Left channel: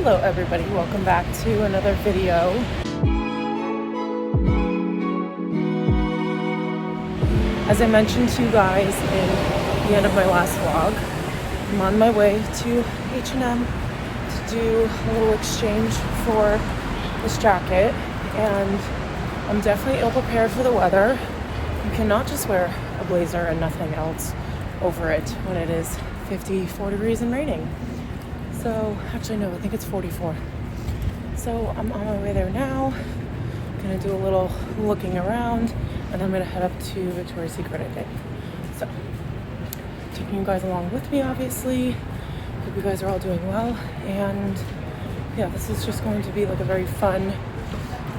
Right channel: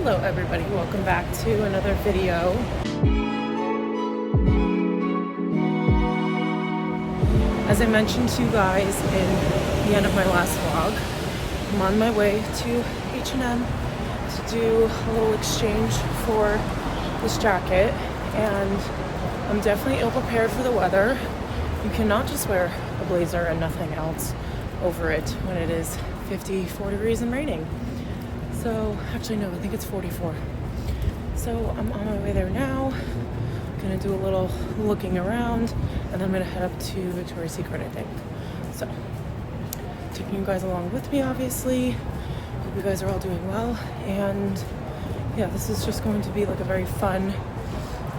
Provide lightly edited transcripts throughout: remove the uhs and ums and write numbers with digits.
Hello everybody, welcome back to another video. As I mentioned to you guys in the end of my last vlog, I'm on my way to H&M to do a little exchange for this jacket, and I'm definitely ill prepared for the weather. You cannot just wear a blazer and nothing else over it when it is 54 degrees and raining. So, actually no, I think it's 44. So I'm on my way there now. I'm gonna do a little looking around and I'm gonna head up to Victoria's Secret, I think. So, taking you guys along with me, obviously. Hope you guys are all doing well. And yeah, this is just going to be like a very fun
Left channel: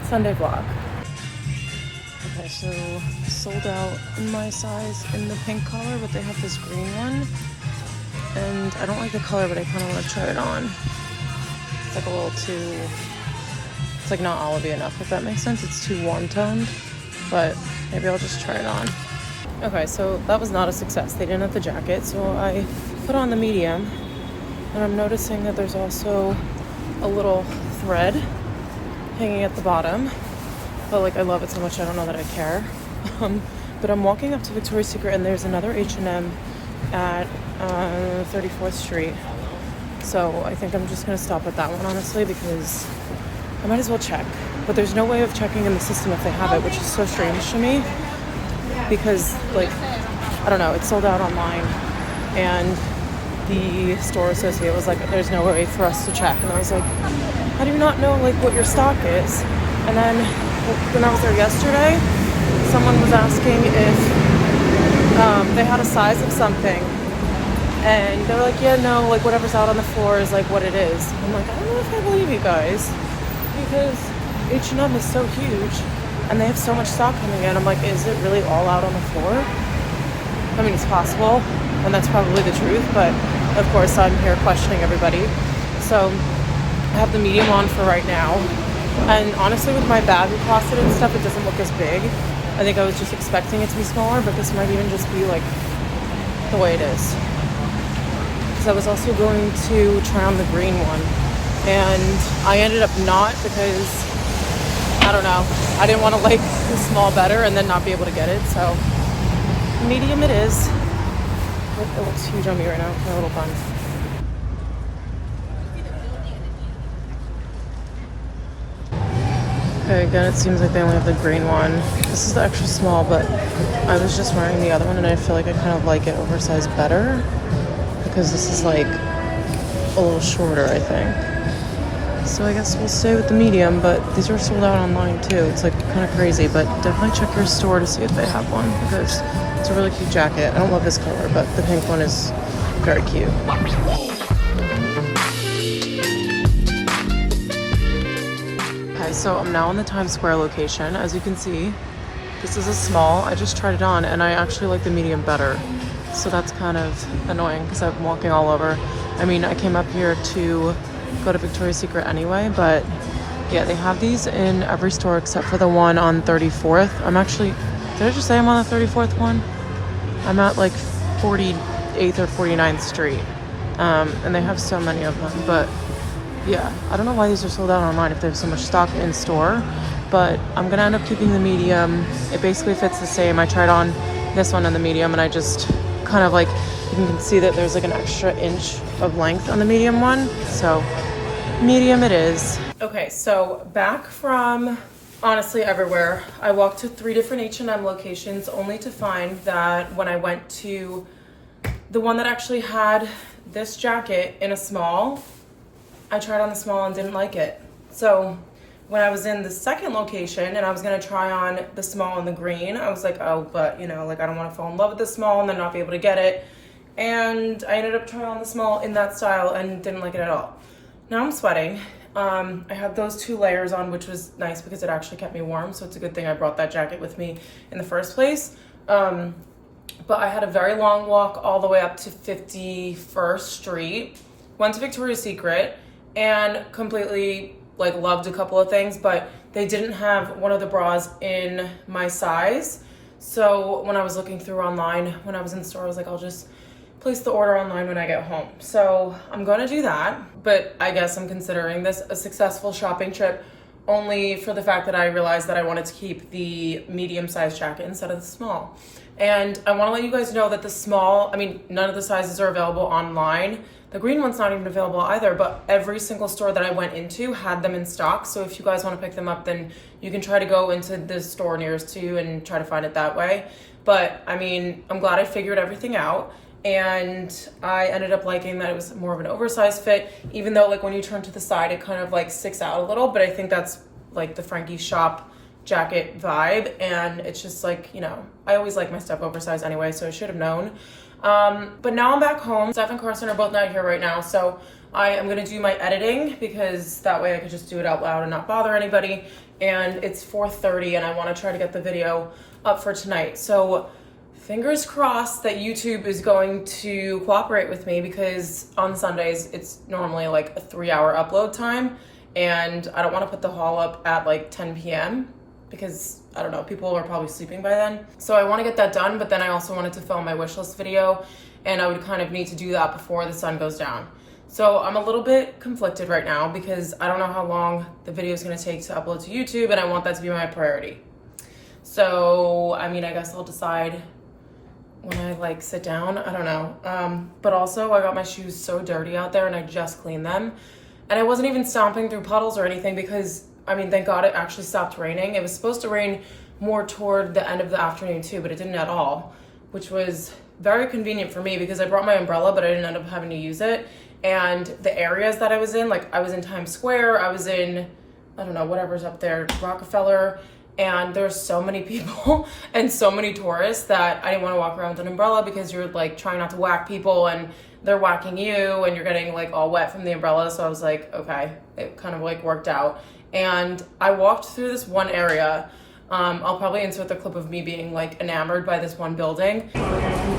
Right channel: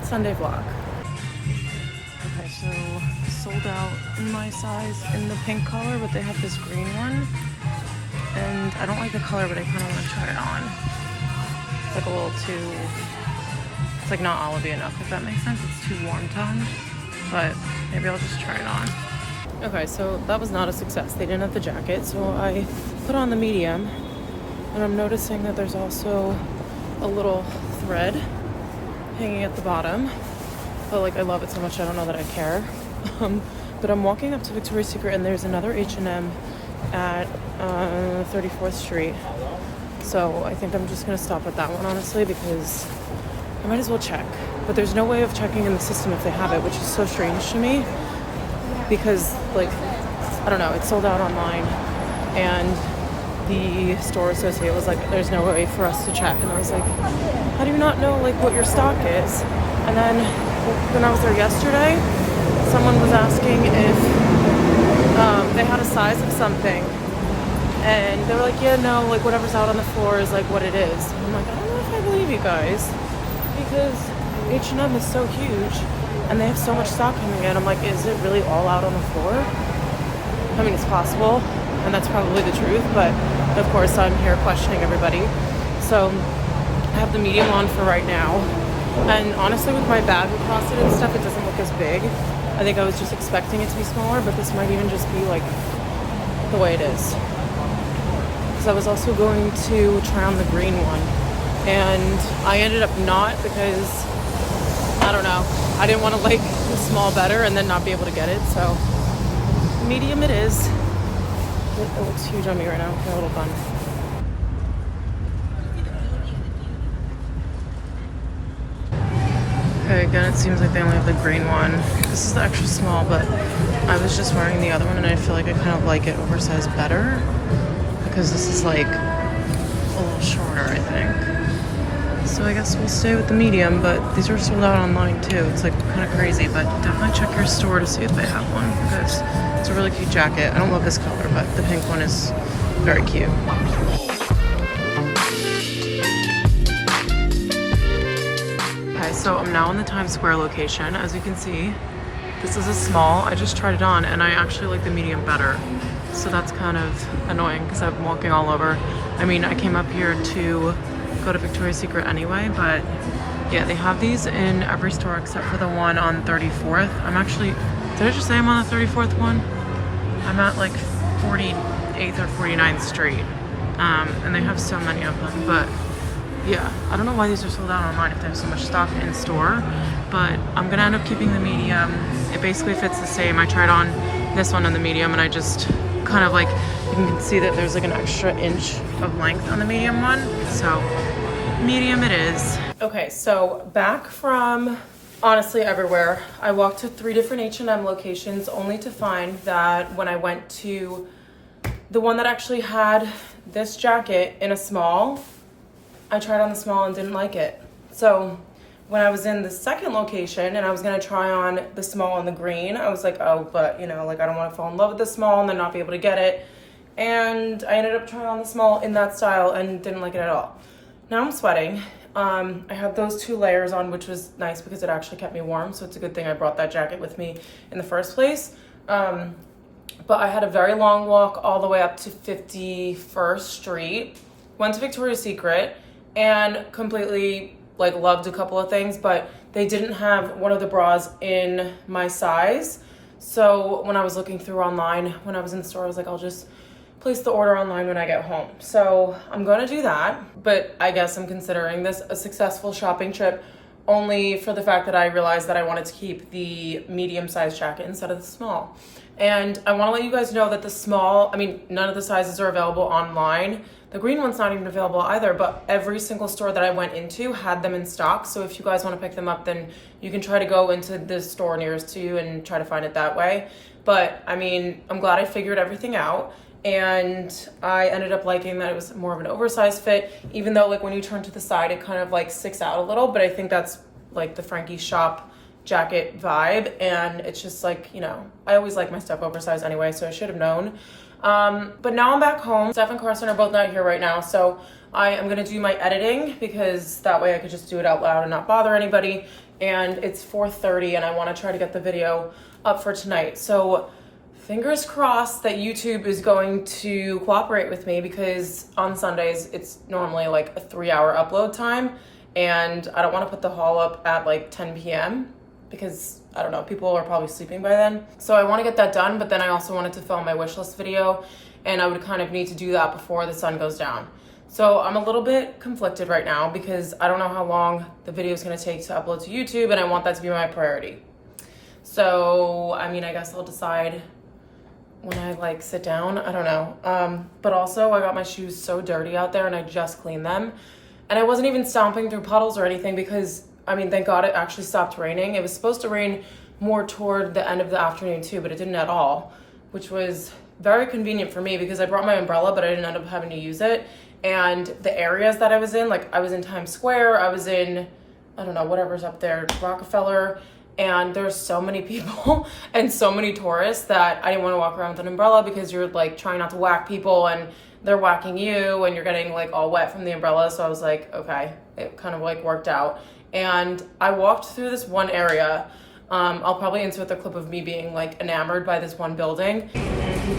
Sunday vlog. Okay, so sold out in my size in the pink color, but they have this green one. And I don't like the color, but I kind of want to try it on. It's like a little too, it's like not olivey enough, if that makes sense. It's too warm toned, but maybe I'll just try it on. Okay, so that was not a success. They didn't have the jacket, so I put on the medium, and I'm noticing that there's also a little thread hanging at the bottom. But like, I love it so much, I don't know that I care. But I'm walking up to Victoria's Secret, and there's another H&M at 34th Street. So I think I'm just gonna stop at that one, honestly, because I might as well check. But there's no way of checking in the system if they have it, which is so strange to me. Because, like, I don't know, it's sold out online. And the store associate was like, there's no way for us to check. And I was like, how do you not know, like, what your stock is? And then when I was there yesterday, someone was asking if they had a size of something, and they're like, yeah, no, like whatever's out on the floor is like what it is. I'm like, I don't know if I believe you guys, because H&M is so huge and they have so much stock coming in. I'm like, is it really all out on the floor? I mean, it's possible, and that's probably the truth, but of course I'm here questioning everybody. So I have the medium on for right now, and honestly with my bag across it and stuff, it doesn't look as big. I think I was just expecting it to be smaller, but this might even just be like the way it is. Because I was also going to try on the green one, and I ended up not, because I don't know, I didn't want to like the small better and then not be able to get it. So medium it is. It looks huge on me right now, my little bun. Okay, again, it seems like they only have the green one. This is the extra small, but I was just wearing the other one, and I feel like I kind of like it oversized better, because this is like a little shorter, I think. So I guess we'll stay with the medium, but these are sold out online too. It's like kind of crazy, but definitely check your store to see if they have one, because it's a really cute jacket. I don't love this color, but the pink one is very cute. Okay, so I'm now in the Times Square location. As you can see, this is a small. I just tried it on, and I actually like the medium better. So that's kind of annoying, because I'm walking all over. I mean, I came up here to go to Victoria's Secret anyway, but yeah, they have these in every store except for the one on 34th. I'm actually, did I just say I'm on the 34th one? I'm at like 48th or 49th Street. And they have so many of them, but yeah, I don't know why these are sold out online if they have so much stock in store, but I'm gonna end up keeping the medium. It basically fits the same. I tried on this one in the medium, and I just kind of like, you can see that there's like an extra inch of length on the medium one. So medium it is. Okay, so back from honestly everywhere. I walked to 3 different H&M locations only to find that when I went to the one that actually had this jacket in a small, I tried on the small and didn't like it. So when I was in the second location and I was gonna try on the small and the green, I was like, oh, but you know, like I don't wanna fall in love with the small and then not be able to get it. And I ended up trying on the small in that style and didn't like it at all. Now I'm sweating. I have those 2 layers on, which was nice because it actually kept me warm. So it's a good thing I brought that jacket with me in the first place. But I had a very long walk all the way up to 51st Street, went to Victoria's Secret, and completely like loved a couple of things, but they didn't have one of the bras in my size. So when I was looking through online, when I was in the store, I was like, I'll just place the order online when I get home. So I'm gonna do that, but I guess I'm considering this a successful shopping trip only for the fact that I realized that I wanted to keep the medium-sized jacket instead of the small. And I wanna let you guys know that the small, I mean, none of the sizes are available online. The green one's not even available either, but every single store that I went into had them in stock. So if you guys wanna pick them up, then you can try to go into the store nearest to you and try to find it that way. But I mean, I'm glad I figured everything out. And I ended up liking that it was more of an oversized fit, even though like when you turn to the side, it kind of like sticks out a little, but I think that's like the Frankie shop jacket vibe. And it's just like, you know, I always like my stuff oversized anyway, so I should have known. But now I'm back home. Steph and Carson are both not here right now, so I am gonna do my editing because that way I could just do it out loud and not bother anybody. And it's 4:30 and I wanna try to get the video up for tonight. So fingers crossed that YouTube is going to cooperate with me, because on Sundays it's normally like a 3-hour upload time, and I don't want to put the haul up at like 10 p.m. because I don't know, people are probably sleeping by then. So I want to get that done, but then I also wanted to film my wish list video, and I would kind of need to do that before the sun goes down. So I'm a little bit conflicted right now because I don't know how long the video is going to take to upload to YouTube, and I want that to be my priority. So I mean, I guess I'll decide when I like sit down, I don't know. But also I got my shoes so dirty out there and I just cleaned them. And I wasn't even stomping through puddles or anything because, I mean, thank God it actually stopped raining. It was supposed to rain more toward the end of the afternoon too, but it didn't at all, which was very convenient for me because I brought my umbrella, but I didn't end up having to use it. And the areas that I was in, like I was in Times Square, I was in, I don't know, whatever's up there, Rockefeller, and there's so many people and so many tourists that I didn't want to walk around with an umbrella because you're like trying not to whack people and they're whacking you and you're getting like all wet from the umbrella. So I was like, okay, it kind of like worked out. And I walked through this one area. I'll probably insert the clip of me being like enamored by this one building. I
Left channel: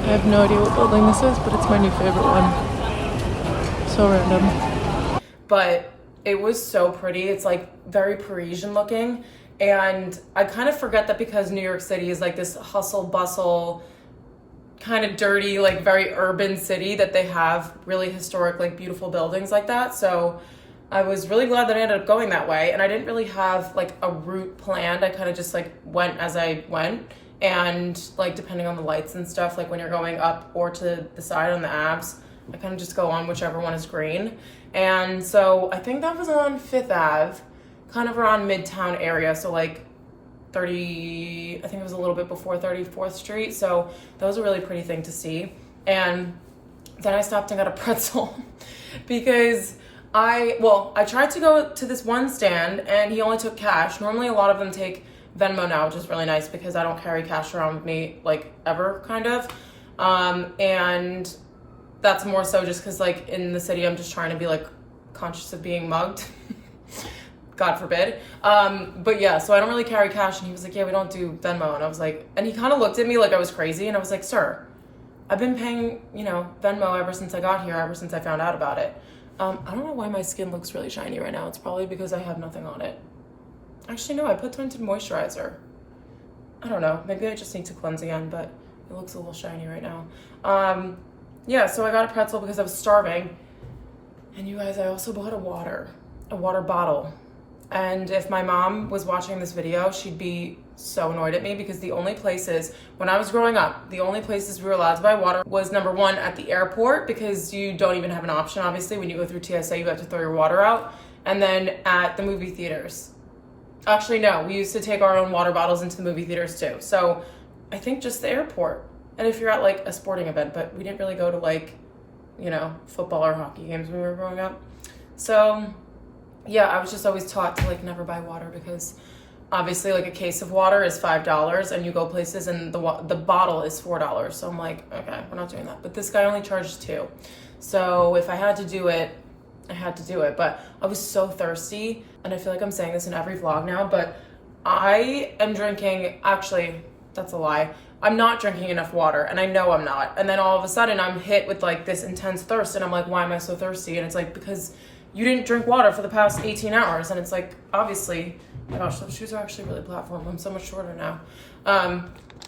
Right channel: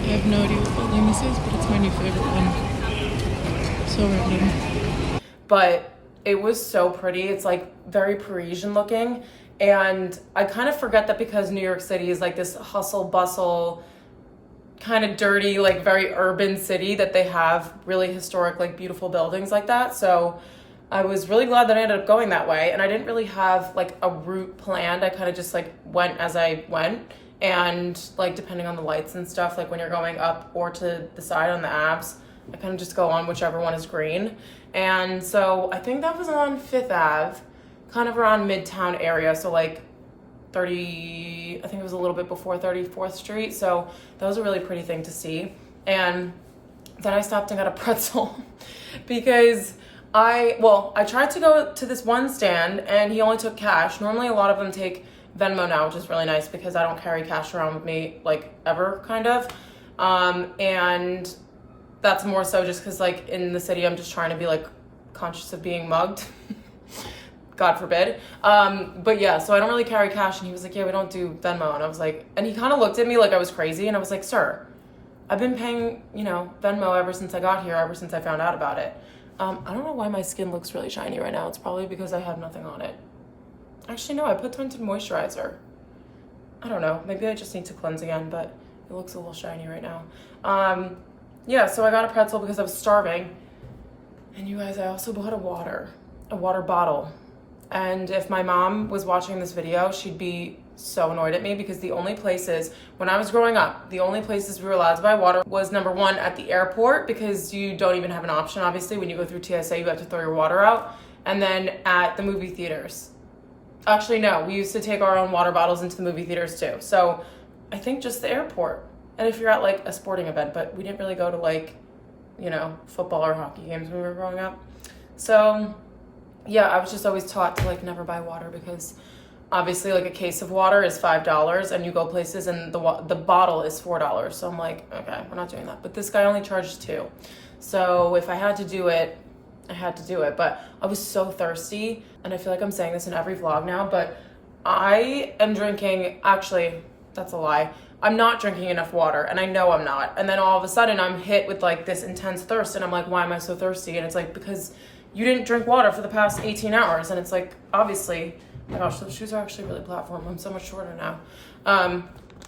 have no idea what building this is, but it's my new favorite one. So random. But it was so pretty. It's like very Parisian looking. And I kind of forget that because New York City is like this hustle bustle, kind of dirty, like very urban city, that they have really historic, like beautiful buildings like that. So I was really glad that I ended up going that way. And I didn't really have like a route planned. I kind of just like went as I went. And like depending on the lights and stuff, like when you're going up or to the side on the Abs, I kind of just go on whichever one is green. And so I think that was on 5th Ave. Kind of around Midtown area, so like 30, I think it was a little bit before 34th Street, so that was a really pretty thing to see. And then I stopped and got a pretzel because I tried to go to this one stand and he only took cash. Normally a lot of them take Venmo now, which is really nice because I don't carry cash around with me like ever, kind of. And that's more so just because like in the city I'm just trying to be like conscious of being mugged. God forbid. But yeah, so I don't really carry cash. And he was like, yeah, we don't do Venmo. And I was like, and he kind of looked at me like I was crazy. And I was like, sir, I've been paying, you know, Venmo ever since I got here, ever since I found out about it. I don't know why my skin looks really shiny right now. It's probably because I have nothing on it. Actually, no, I put tinted moisturizer. I don't know. Maybe I just need to cleanse again, but it looks a little shiny right now. Yeah, so I got a pretzel because I was starving. And you guys, I also bought a water bottle. And if my mom was watching this video, she'd be so annoyed at me because the only places, when I was growing up, the only places we were allowed to buy water was number one at the airport, because you don't even have an option, obviously. When you go through TSA, you have to throw your water out. And then at the movie theaters. Actually, no, we used to take our own water bottles into the movie theaters too. So I think just the airport. And if you're at like a sporting event, but we didn't really go to like, you know, football or hockey games when we were growing up. So yeah, I was just always taught to like never buy water because obviously like a case of water is $5 and you go places and the bottle is $4. So I'm like, okay, we're not doing that. But this guy only charged $2. So if I had to do it, I had to do it. But I was so thirsty, and I feel like I'm saying this in every vlog now, but I am drinking, actually, that's a lie. I'm not drinking enough water, and I know I'm not. And then all of a sudden I'm hit with like this intense thirst, and I'm like, why am I so thirsty? And it's like, because you didn't drink water for the past 18 hours. And it's like, obviously, oh my gosh, those shoes are actually really platform. I'm so much shorter now.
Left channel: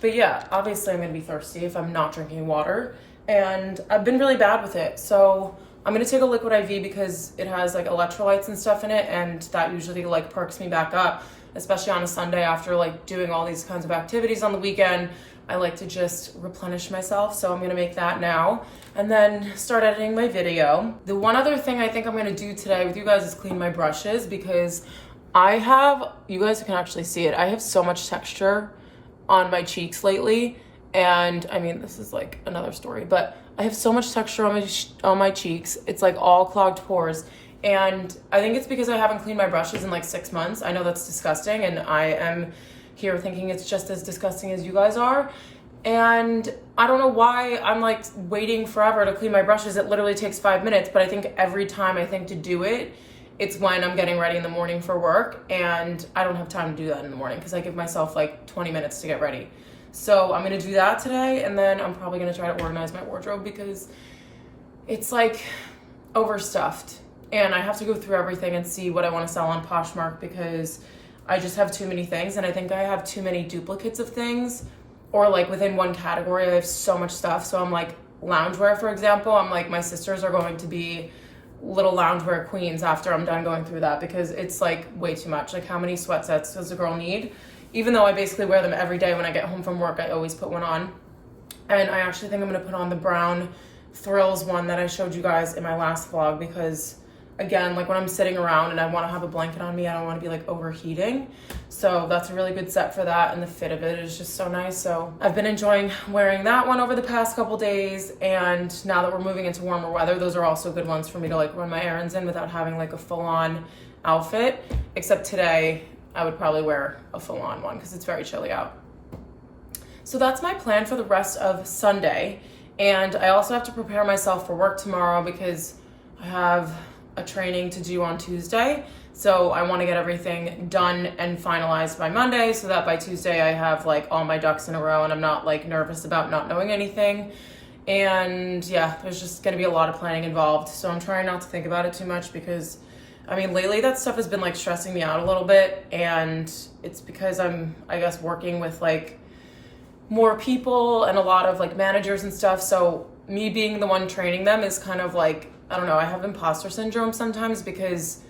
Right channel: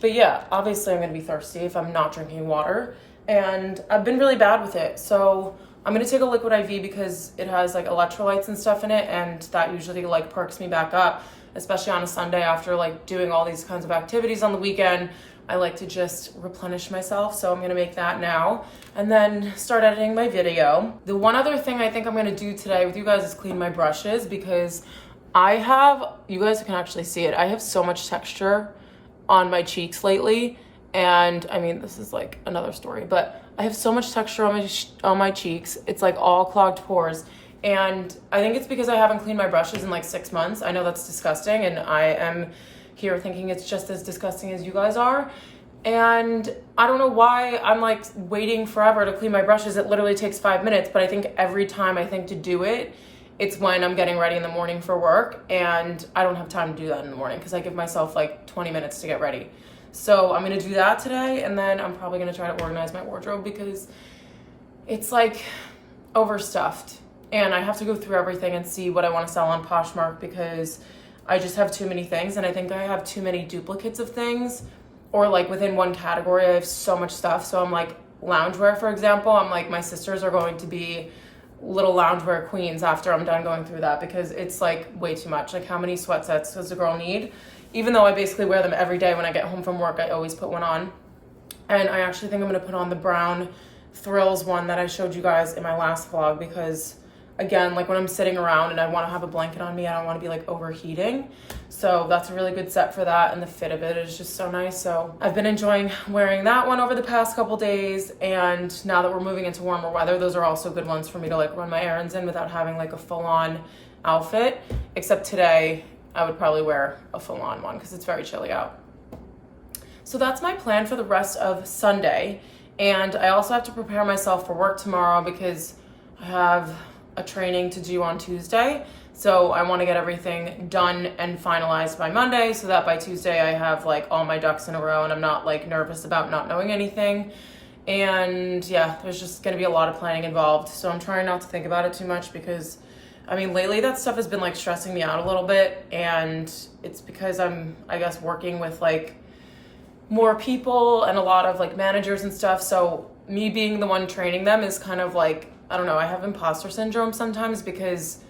But yeah, obviously I'm gonna be thirsty if I'm not drinking water. and I've been really bad with it. So I'm gonna take a liquid IV because it has like electrolytes and stuff in it, and that usually like perks me back up, especially on a Sunday after like doing all these kinds of activities on the weekend. I like to just replenish myself, so I'm gonna make that now and then start editing my video. The one other thing I think I'm gonna do today with you guys is clean my brushes, because you guys can actually see it, I have so much texture on my cheeks lately, and I mean, this is like another story, but I have so much texture on my cheeks. It's like all clogged pores, and I think it's because I haven't cleaned my brushes in like 6 months. I know that's disgusting, and I am here thinking it's just as disgusting as you guys are, and I don't know why I'm like waiting forever to clean my brushes. It literally takes 5 minutes, but I think every time I think to do it, it's when I'm getting ready in the morning for work, and I don't have time to do that in the morning because I give myself like 20 minutes to get ready. So I'm gonna do that today, and then I'm probably gonna try to organize my wardrobe because it's like overstuffed, and I have to go through everything and see what I want to sell on Poshmark because I just have too many things, and I think I have too many duplicates of things, or like within one category I have so much stuff. So I'm like loungewear, for example, I'm like, my sisters are going to be little loungewear queens after I'm done going through that because it's like way too much. Like, how many sweat sets does a girl need? Even though I basically wear them every day when I get home from work, I always put one on. And I actually think I'm gonna put on the brown Thrills one that I showed you guys in my last vlog because, again, like when I'm sitting around and I wanna have a blanket on me, I don't wanna be like overheating. So that's a really good set for that, and the fit of it is just so nice. So I've been enjoying wearing that one over the past couple days, and now that we're moving into warmer weather, those are also good ones for me to like run my errands in without having like a full-on outfit. Except today, I would probably wear a full-on one because it's very chilly out. So that's my plan for the rest of Sunday. And I also have to prepare myself for work tomorrow because I have a training to do on Tuesday. So I want to get everything done and finalized by Monday so that by Tuesday I have like all my ducks in a row and I'm not like nervous about not knowing anything. And yeah, there's just going to be a lot of planning involved. So I'm trying not to think about it too much because I mean, lately that stuff has been like stressing me out a little bit, and it's because I'm, I guess, working with like more people and a lot of like managers and stuff. So me being the one training them is kind of like, I don't know, I have imposter syndrome sometimes because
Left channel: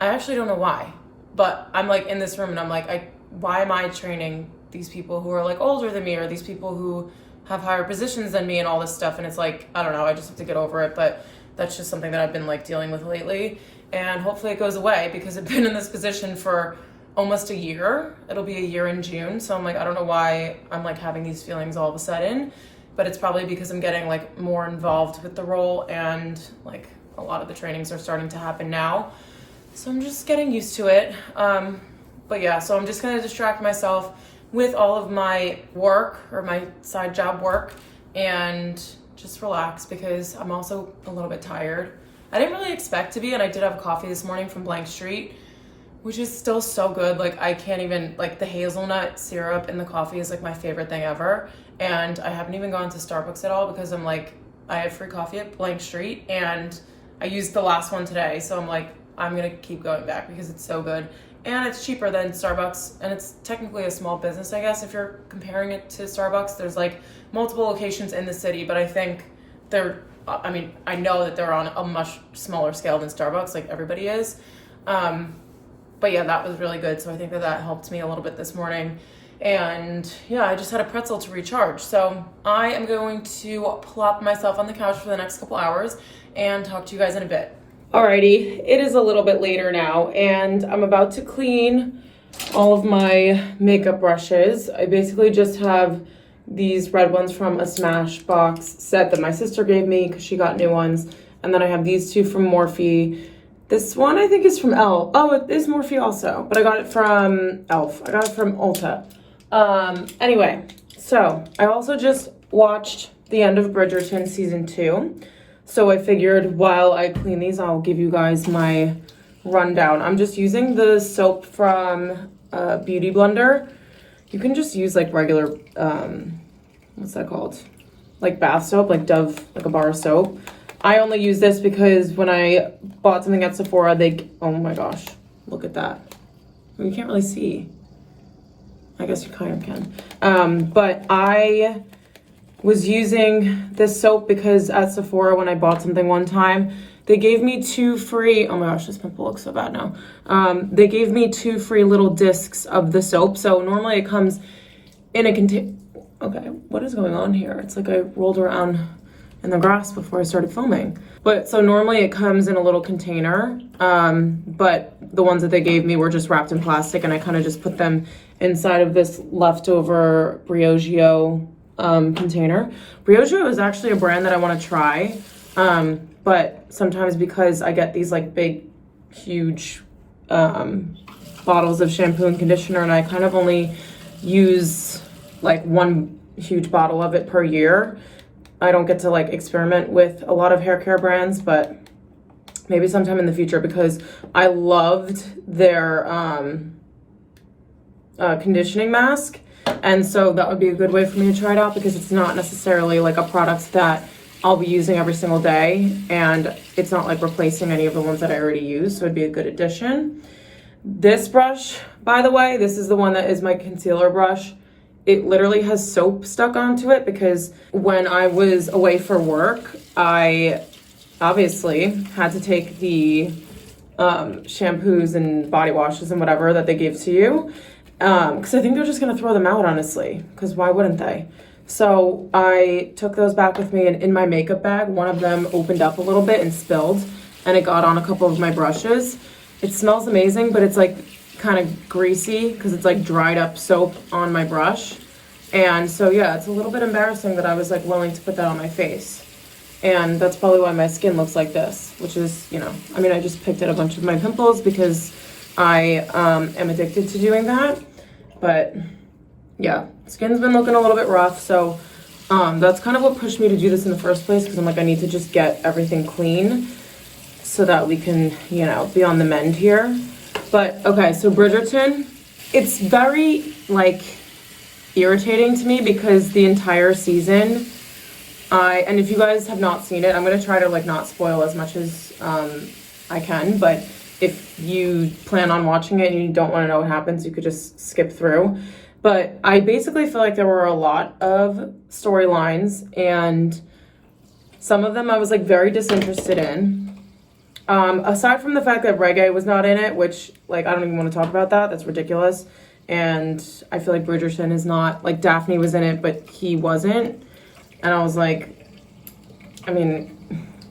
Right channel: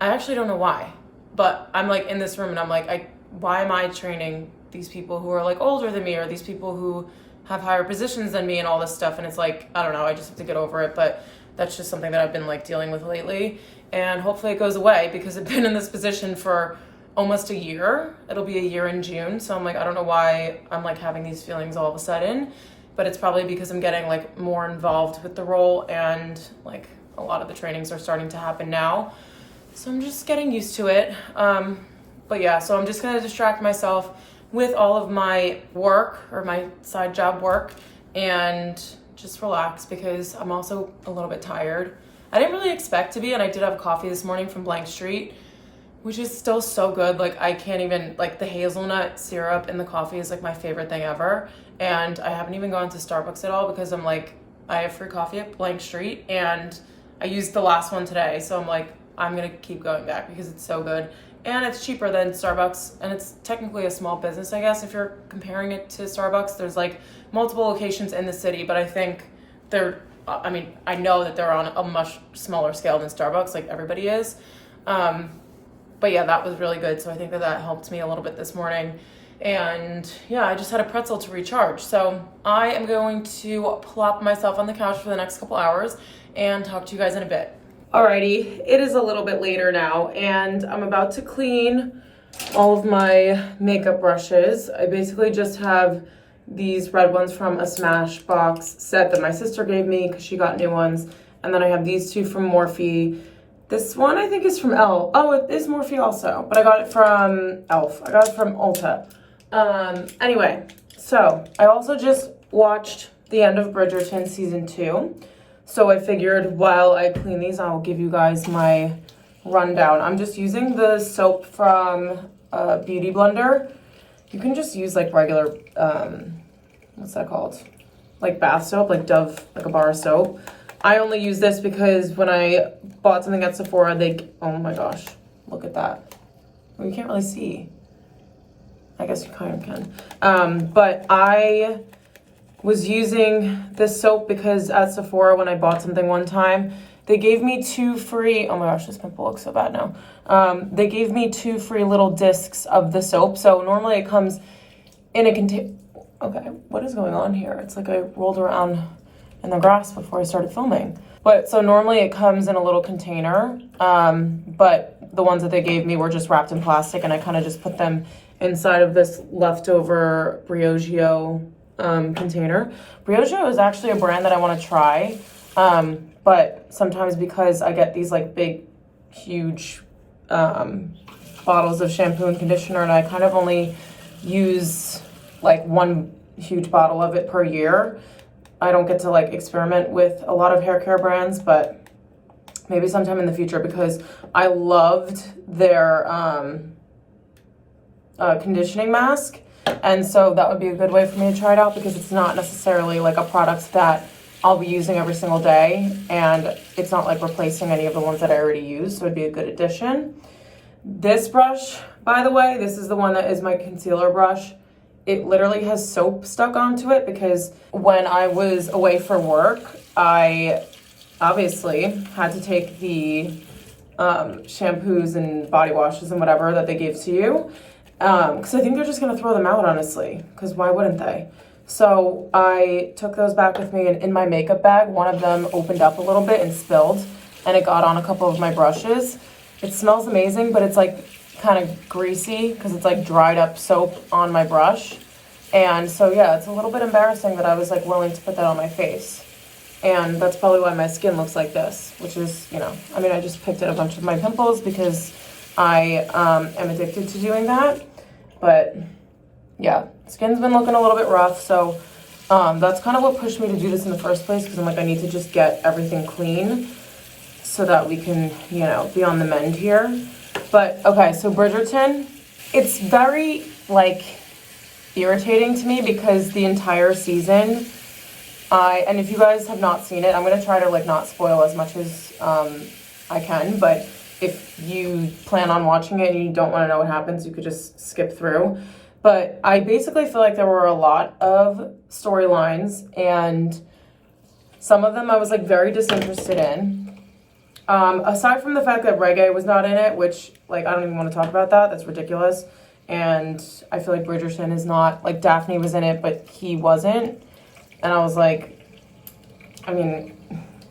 I actually don't know why, but I'm like in this room and I'm like, why am I training these people who are like older than me or these people who have higher positions than me and all this stuff? And it's like, I don't know, I just have to get over it. But that's just something that I've been like dealing with lately. And hopefully it goes away because I've been in this position for almost a year. It'll be a year in June. So I'm like, I don't know why I'm like having these feelings all of a sudden, but it's probably because I'm getting like more involved with the role and like a lot of the trainings are starting to happen now. So I'm just getting used to it. But yeah, so I'm just gonna distract myself with all of my work or my side job work and just relax because I'm also a little bit tired. I didn't really expect to be, and I did have coffee this morning from Blank Street, which is still so good. Like I can't even, like the hazelnut syrup in the coffee is like my favorite thing ever. And I haven't even gone to Starbucks at all because I'm like, I have free coffee at Blank Street and I used the last one today. So I'm like, I'm gonna keep going back because it's so good. And it's cheaper than Starbucks, and it's technically a small business, I guess, if you're comparing it to Starbucks. There's like multiple locations in the city, but I think I know that they're on a much smaller scale than Starbucks, like everybody is. But yeah, that was really good. So I think that helped me a little bit this morning. And yeah, I just had a pretzel to recharge. So I am going to plop myself on the couch for the next couple hours and talk to you guys in a bit. Alrighty, it is a little bit later now and I'm about to clean all of my makeup brushes. I basically just have these red ones from a Smashbox set that my sister gave me because she got new ones. And then I have these two from Morphe. This one I think is from Elle. Oh, it is Morphe also, but I got it from Elf. I got it from Ulta. Anyway, so I also just watched the end of Bridgerton season 2. So I figured while I clean these, I'll give you guys my rundown. I'm just using the soap from Beauty Blender. You can just use like regular, what's that called? Like bath soap, like Dove, like a bar of soap. I only use this because when I bought something at Sephora, oh my gosh, look at that. Well, you can't really see. I guess you kind of can. But I was using this soap because at Sephora, when I bought something one time, they gave me 2 free, oh my gosh, this pimple looks so bad now. They gave me 2 free little discs of the soap. So normally it comes in a container. Okay, what is going on here? It's like I rolled around in the grass before I started filming. But so normally it comes in a little container, but the ones that they gave me were just wrapped in plastic, and I kind of just put them inside of this leftover Briogeo container. Briogeo is actually a brand that I want to try, but sometimes because I get these like big, huge bottles of shampoo and conditioner, and I kind of only use like 1 huge bottle of it per year, I don't get to like experiment with a lot of hair care brands, but maybe sometime in the future, because I loved their conditioning mask. And so that would be a good way for me to try it out, because it's not necessarily like a product that I'll be using every single day, and it's not like replacing any of the ones that I already use, so it'd be a good addition. This brush, by the way, this is the one that is my concealer brush. It literally has soap stuck onto it because when I was away for work, I obviously had to take the shampoos and body washes and whatever that they give to you, because I think they're just gonna throw them out, honestly, because why wouldn't they? So I took those back with me, and in my makeup bag, one of them opened up a little bit and spilled, and it got on a couple of my brushes. It smells amazing, but it's like kind of greasy because it's like dried up soap on my brush. And so yeah, it's a little bit embarrassing that I was like willing to put that on my face. And that's probably why my skin looks like this, which is, you know, I mean, I just picked at a bunch of my pimples because I am addicted to doing that. But yeah, skin's been looking a little bit rough. So that's kind of what pushed me to do this in the first place, because I'm like, I need to just get everything clean so that we can, you know, be on the mend here. But okay, so Bridgerton, it's very like irritating to me because the entire season, and if you guys have not seen it, I'm gonna try to like not spoil as much as I can, but if you plan on watching it and you don't want to know what happens, you could just skip through. But I basically feel like there were a lot of storylines, and some of them I was like very disinterested in. Aside from the fact that Reggae was not in it, which like I don't even want to talk about that. That's ridiculous. And I feel like Bridgerton is not, like Daphne was in it, but he wasn't. And I was like, I mean,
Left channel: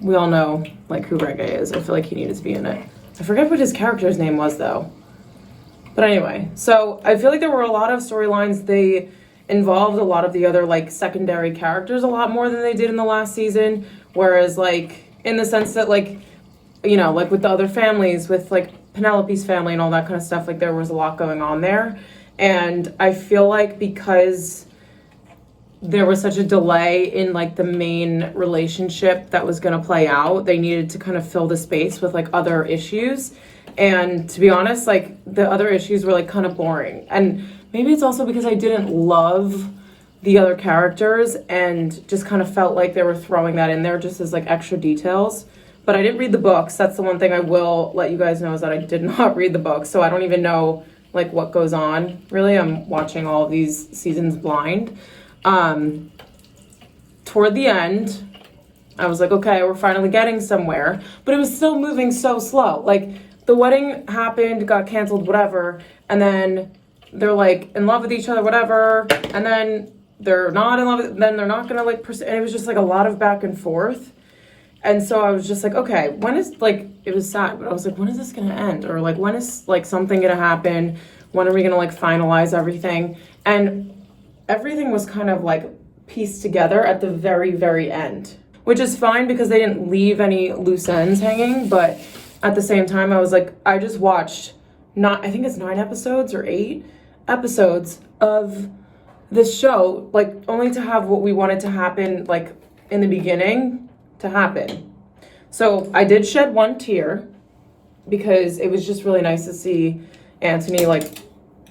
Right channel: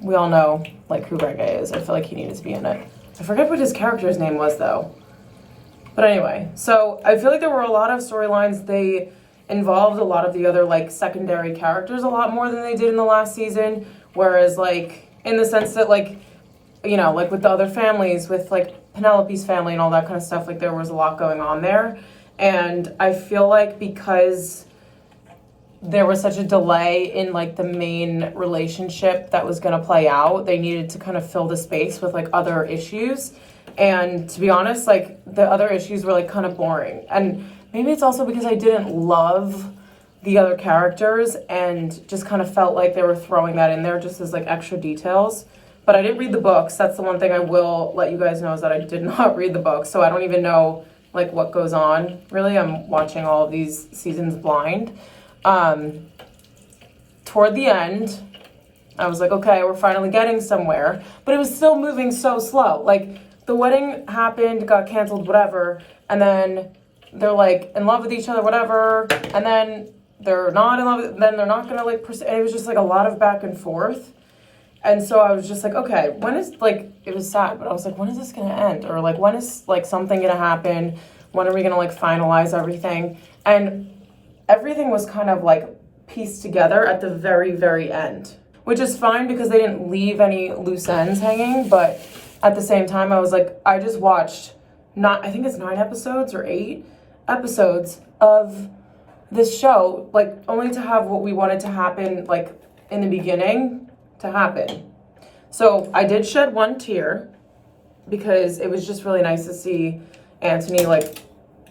we all know like who Reggae is. I feel like he needed to be in it. I forget what his character's name was though. But anyway, so I feel like there were a lot of storylines. They involved a lot of the other like secondary characters a lot more than they did in the last season. Whereas like in the sense that like, you know, like with the other families, with like Penelope's family and all that kind of stuff, like there was a lot going on there. And I feel like because there was such a delay in like the main relationship that was going to play out, they needed to kind of fill the space with like other issues. And to be honest, like the other issues were like kind of boring. And maybe it's also because I didn't love the other characters and just kind of felt like they were throwing that in there just as like extra details. But I didn't read the books. That's the one thing I will let you guys know, is that I did not read the books. So I don't even know like what goes on. Really, I'm watching all of these seasons blind. Toward the end, I was like, okay, we're finally getting somewhere. But it was still moving so slow. Like the wedding happened, got canceled, whatever. And then they're like in love with each other, whatever. And then they're not in love, then they're not gonna like pursue. And it was just like a lot of back and forth. And so I was just like, okay, when is, like, it was sad, but I was like, when is this gonna end? Or like, when is like something gonna happen? When are we gonna like finalize everything? And everything was kind of like pieced together at the very, very end, which is fine because they didn't leave any loose ends hanging. But at the same time, I was like, I just watched I think it's 9 episodes or 8 episodes of this show, like only to have what we wanted to happen like in the beginning to happen. So I did shed one tear because it was just really nice to see Anthony like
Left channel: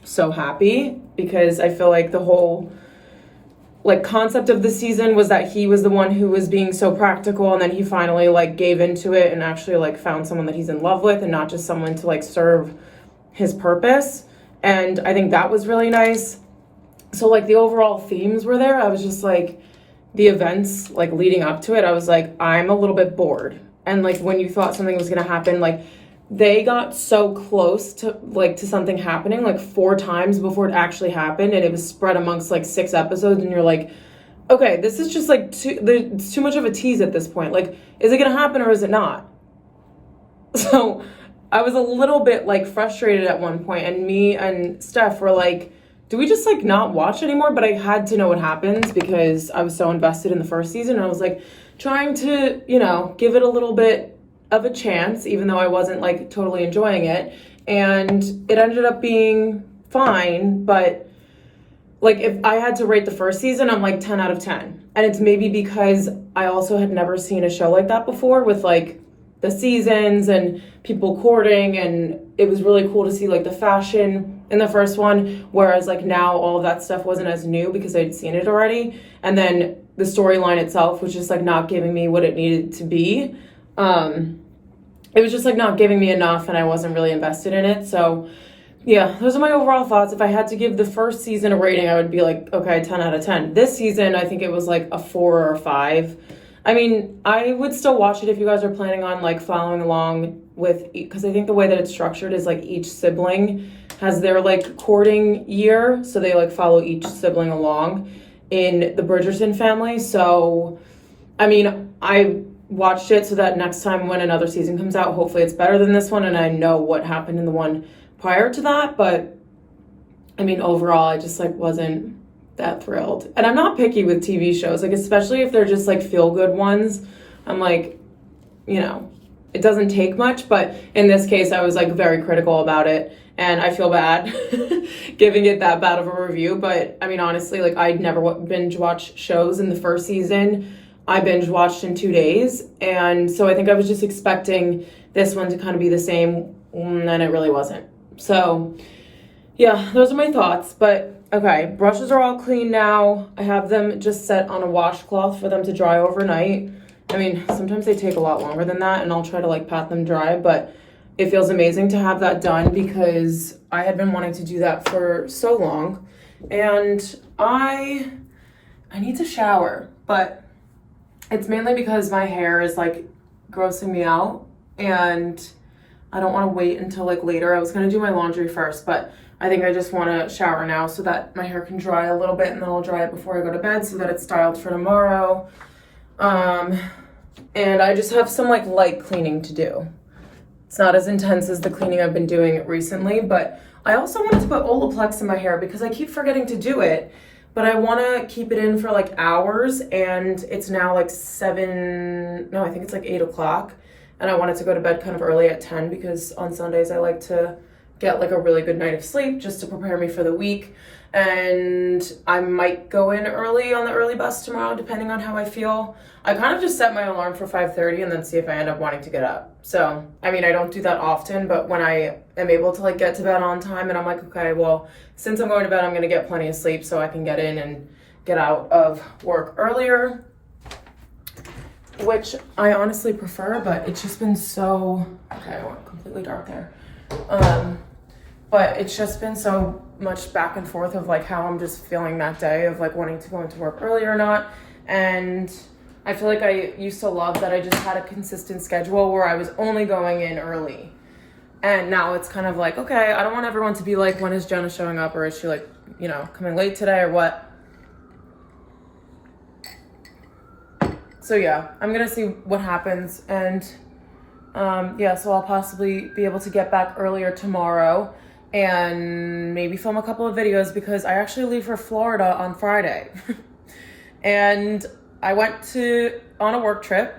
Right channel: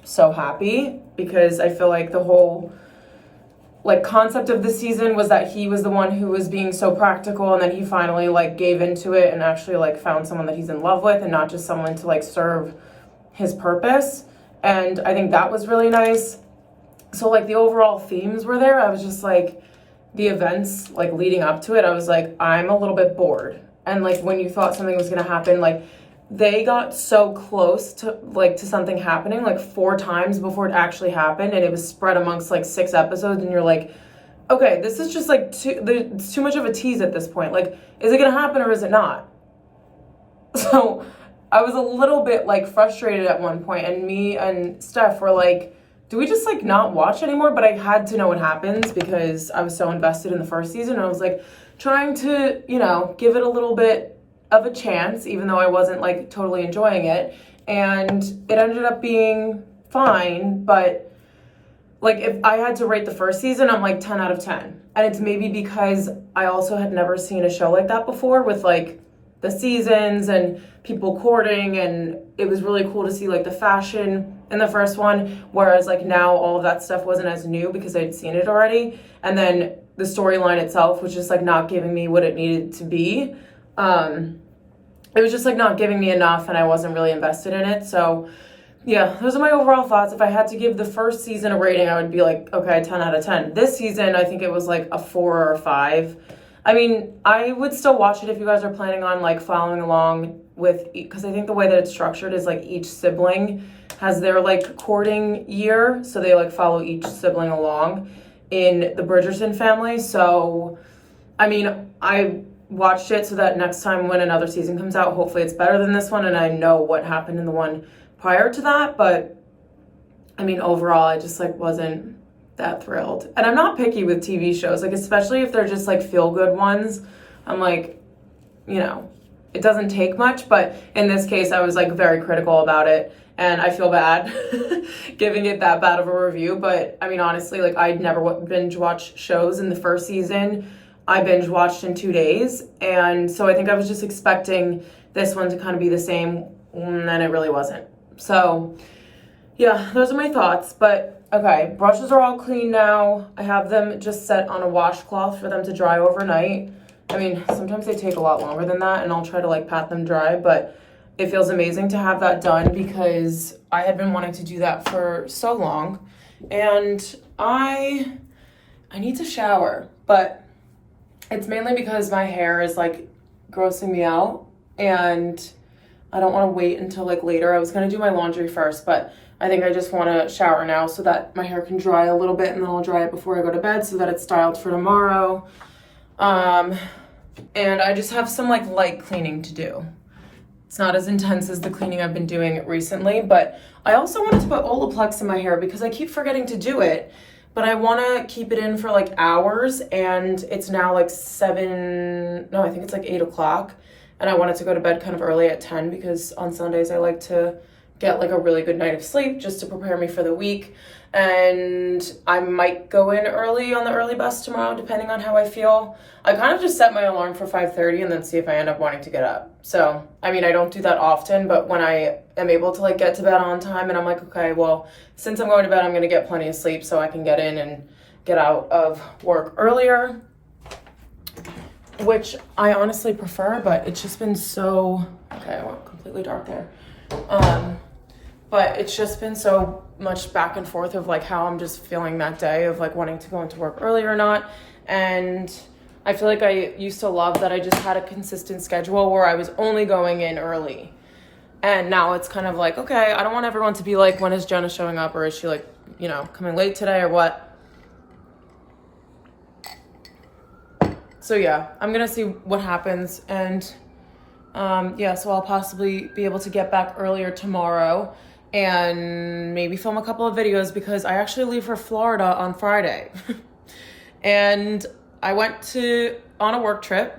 so happy, because I feel like the whole like concept of the season was that he was the one who was being so practical, and then he finally like gave into it and actually like found someone that he's in love with and not just someone to like serve his purpose. And I think that was really nice. So like the overall themes were there. I was just like, the events like leading up to it, I was like, I'm a little bit bored. And like when you thought something was gonna happen, like they got so close to something happening like 4 times before it actually happened, and it was spread amongst like 6 episodes, and you're like, okay, this is just like there's too much of a tease at this point. Like, is it gonna happen or is it not? So I was a little bit like frustrated at one point, and me and Steph were like, do we just like not watch anymore? But I had to know what happens because I was so invested in the first season. And I was like trying to, you know, give it a little bit of a chance, even though I wasn't like totally enjoying it. And it ended up being fine, but like if I had to rate the first season, I'm like 10 out of 10. And it's maybe because I also had never seen a show like that before with like the seasons and people courting, and it was really cool to see like the fashion in the first one, whereas like now all of that stuff wasn't as new because I'd seen it already. And then the storyline itself was just like not giving me what it needed to be. It was just like not giving me enough, and I wasn't really invested in it. So yeah, those are my overall thoughts. If I had to give the first season a rating, I would be like, okay, 10 out of 10. This season, I think it was like a 4 or 5. I mean, I would still watch it if you guys are planning on like following along with, because I think the way that it's structured is like each sibling has their like courting year. So they like follow each sibling along in the Bridgerton family. So, I mean, I watched it so that next time when another season comes out, hopefully it's better than this one and I know what happened in the one prior to that. But I mean, overall, I just like wasn't that thrilled. And I'm not picky with TV shows, like especially if they're just like feel good ones. I'm like, you know, it doesn't take much, but in this case I was like very critical about it, and I feel bad giving it that bad of a review. But I mean, honestly, like I'd never binge watch shows in the first season. I binge watched in 2 days, and so I think I was just expecting this one to kind of be the same, and it really wasn't. So yeah, those are my thoughts. But okay, brushes are all clean now. I have them just set on a washcloth for them to dry overnight. I mean, sometimes they take a lot longer than that, and I'll try to like pat them dry, but it feels amazing to have that done because I had been wanting to do that for so long. And I need to shower, but it's mainly because my hair is like grossing me out, and I don't want to wait until like later. I was going to do my laundry first, but I think I just want to shower now so that my hair can dry a little bit, and then I'll dry it before I go to bed so that it's styled for tomorrow. And I just have some like light cleaning to do. It's not as intense as the cleaning I've been doing recently, but I also wanted to put Olaplex in my hair because I keep forgetting to do it, but I want to keep it in for like hours, and it's now like 8 o'clock, and I wanted to go to bed kind of early at 10 because on Sundays I like to get like a really good night of sleep just to prepare me for the week. And I might go in early on the early bus tomorrow depending on how I feel. I kind of just set my alarm for 5:30 and then see if I end up wanting to get up. So I mean, I don't do that often, but when I am able to like get to bed on time and I'm like, okay, well, since I'm going to bed, I'm gonna get plenty of sleep so I can get in and get out of work earlier, which I honestly prefer, but it's just been so, okay, I went completely dark there. But it's just been so much back and forth of like how I'm just feeling that day of like wanting to go into work early or not. And I feel like I used to love that I just had a consistent schedule where I was only going in early. And now it's kind of like, okay, I don't want everyone to be like, when is Jenna showing up, or is she like, you know, coming late today or what? So yeah, I'm gonna see what happens. And yeah, so I'll possibly be able to get back earlier tomorrow and maybe film a couple of videos because I actually leave for Florida on Friday. And I went on a work trip,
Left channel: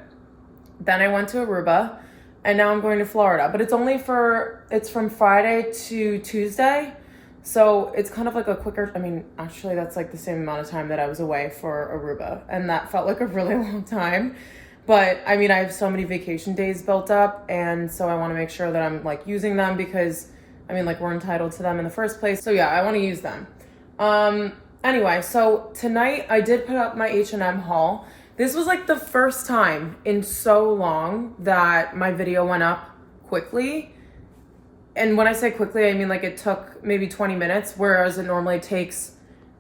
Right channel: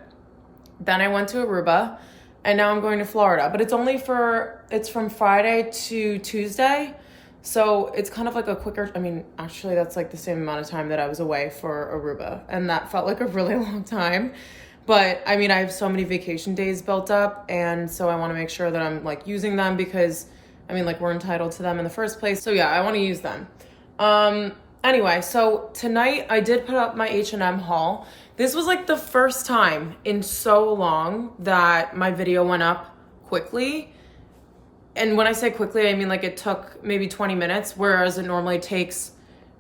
then I went to Aruba, and now I'm going to Florida. But it's from Friday to Tuesday. So it's kind of like a quicker, I mean, actually that's like the same amount of time that I was away for Aruba. And that felt like a really long time. But I mean, I have so many vacation days built up, and so I want to make sure that I'm like using them because I mean, like we're entitled to them in the first place. So yeah, I want to use them. Anyway, so tonight I did put up my H&M haul. This was like the first time in so long that my video went up quickly. And when I say quickly, I mean like it took maybe 20 minutes, whereas it normally takes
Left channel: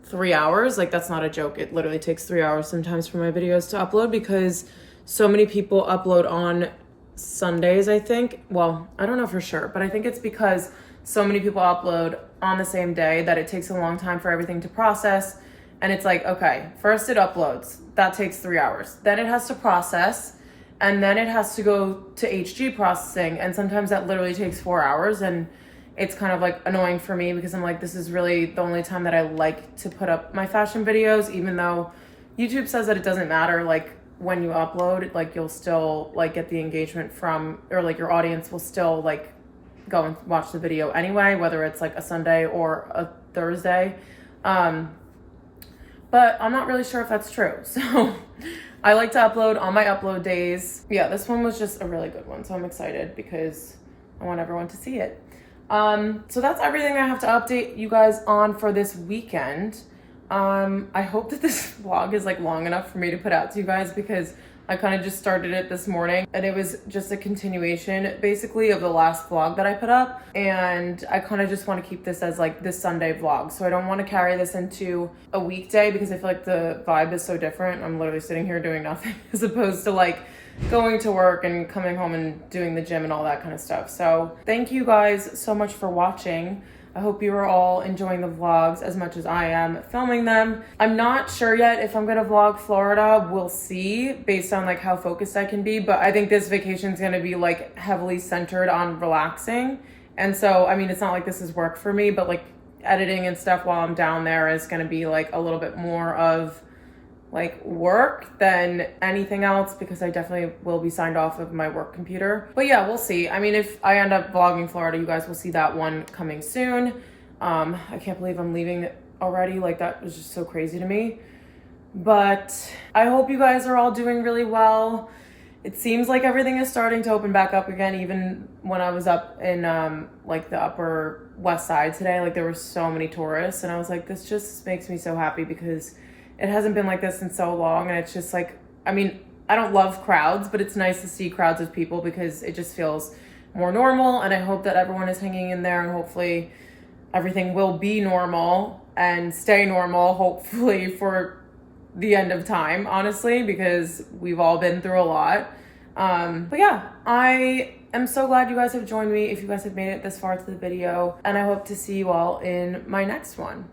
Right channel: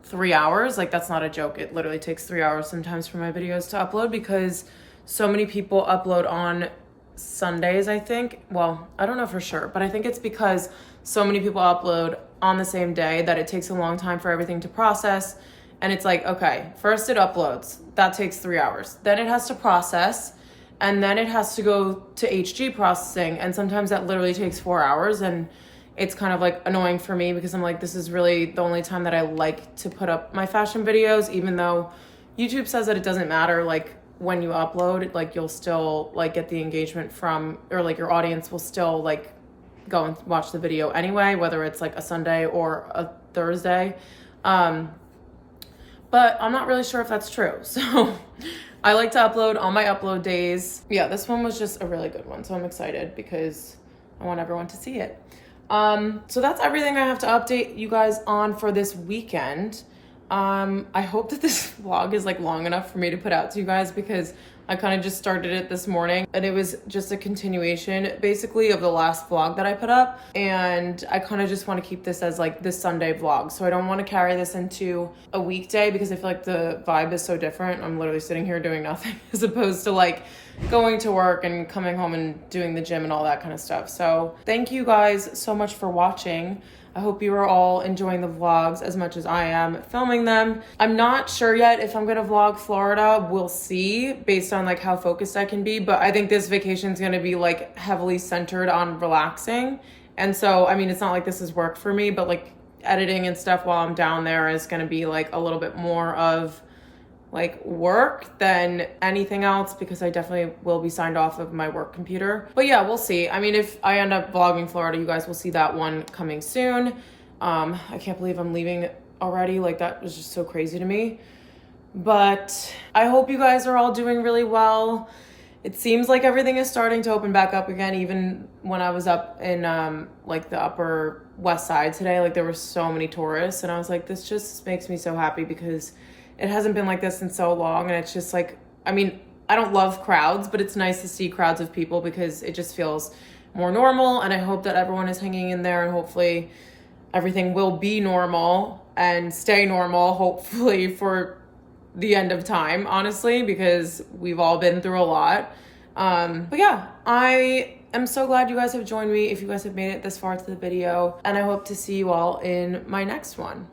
3 hours. Like, that's not a joke. It literally takes 3 hours sometimes for my videos to upload because so many people upload on Sundays, I think. Well, I don't know for sure, but I think it's because so many people upload on the same day that it takes a long time for everything to process. And it's like, okay, first it uploads. That takes 3 hours. Then it has to process. And then it has to go to HG processing. And sometimes that literally takes 4 hours. And it's kind of like annoying for me because I'm like, this is really the only time that I like to put up my fashion videos, even though YouTube says that it doesn't matter. Like, when you upload, like, you'll still like get the engagement from, or like your audience will still like go and watch the video anyway, whether it's like a Sunday or a Thursday. But I'm not really sure if that's true. So I like to upload on my upload days. Yeah, this one was just a really good one. So I'm excited because I want everyone to see it. So that's everything I have to update you guys on for this weekend. I hope that this vlog is like long enough for me to put out to you guys because I kind of just started it this morning and it was just a continuation basically of the last vlog that I put up. And I kind of just want to keep this as like this Sunday vlog. So I don't want to carry this into a weekday because I feel like the vibe is so different. I'm literally sitting here doing nothing as opposed to like going to work and coming home and doing the gym and all that kind of stuff. So thank you guys so much for watching. I hope you are all enjoying the vlogs as much as I am filming them. I'm not sure yet if I'm gonna vlog Florida. We'll see based on like how focused I can be. But I think this vacation is gonna be like heavily centered on relaxing. And so, I mean, it's not like this is work for me, but like editing and stuff while I'm down there is gonna be like a little bit more of like work than anything else because I definitely will be signed off of my work computer. But yeah, we'll see. I mean, if I end up vlogging Florida, you guys will see that one coming soon. I can't believe I'm leaving already. Like, that was just so crazy to me. But I hope you guys are all doing really well. It seems like everything is starting to open back up again. Even when I was up in like the upper west side today, like there were so many tourists and I was like, this just makes me so happy because it hasn't been like this in so long. And it's just like, I mean, I don't love crowds, but it's nice to see crowds of people because it just feels more normal. And I hope that everyone is hanging in there and hopefully everything will be normal and stay normal, hopefully for the end of time, honestly, because we've all been through a lot. But yeah, I am so glad you guys have joined me if you guys have made it this far to the video. And I hope to see you all in my next one.